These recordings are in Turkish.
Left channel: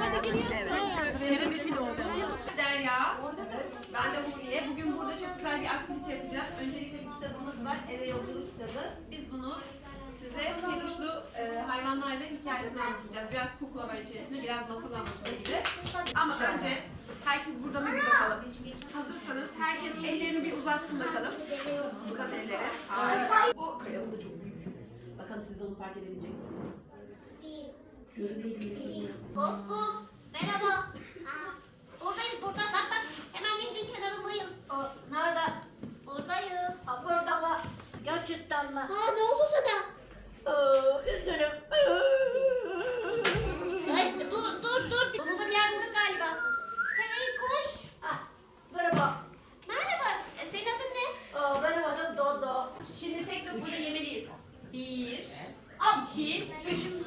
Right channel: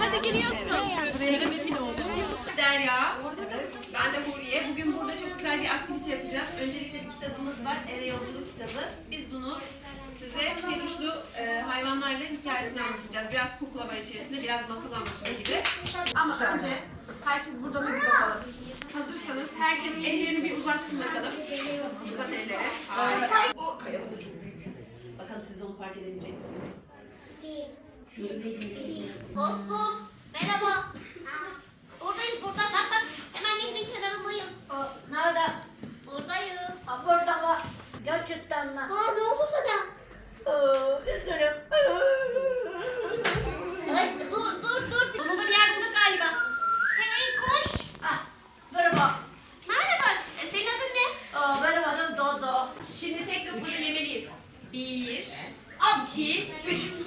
Hadi giriyorsun. Derya. Ben de Huriye. Bugün burada çok güzel bir aktivite yapacağız. Öncelikle bir kitabımız var. Eve yolculuk kitabı. Biz bunu size peluşlu e, hayvanların hikayesini anlatacağız. Biraz kuklama içerisinde, biraz masal anlatımı gibi. Ama önce herkes burada mı bir bakalım. Hazırsanız herkes ellerini bir uzatsın bakalım. Uzat elleri. Harika. O kayamız da çok büyük. Bakalım siz onu fark edebilecek misiniz? Dostum, merhaba. Buradayız burada. Bak bak. Hemen nehrin kenarındayız. Nerede? Buradayız. Ha, burada mı? Gerçekten mi? Aa ne oldu sana? Ee, üzgünüm. Ay, dur dur dur. Sonunda bir yer bulduk galiba. Hey kuş. Ah, merhaba. Merhaba. E, senin adın ne? Aa, benim adım Dodo. Şimdi tek lokmanı yemeliyiz. Bir, iki, üç.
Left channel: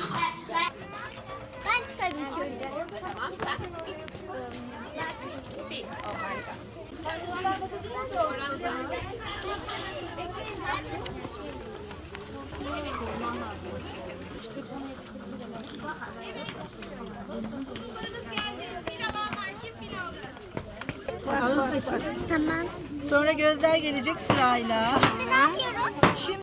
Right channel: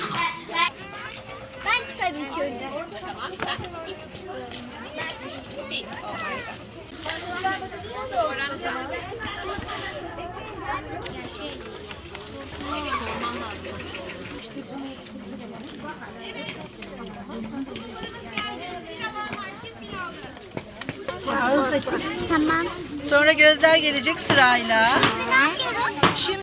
Tamam. Sonra gözler gelecek sırayla.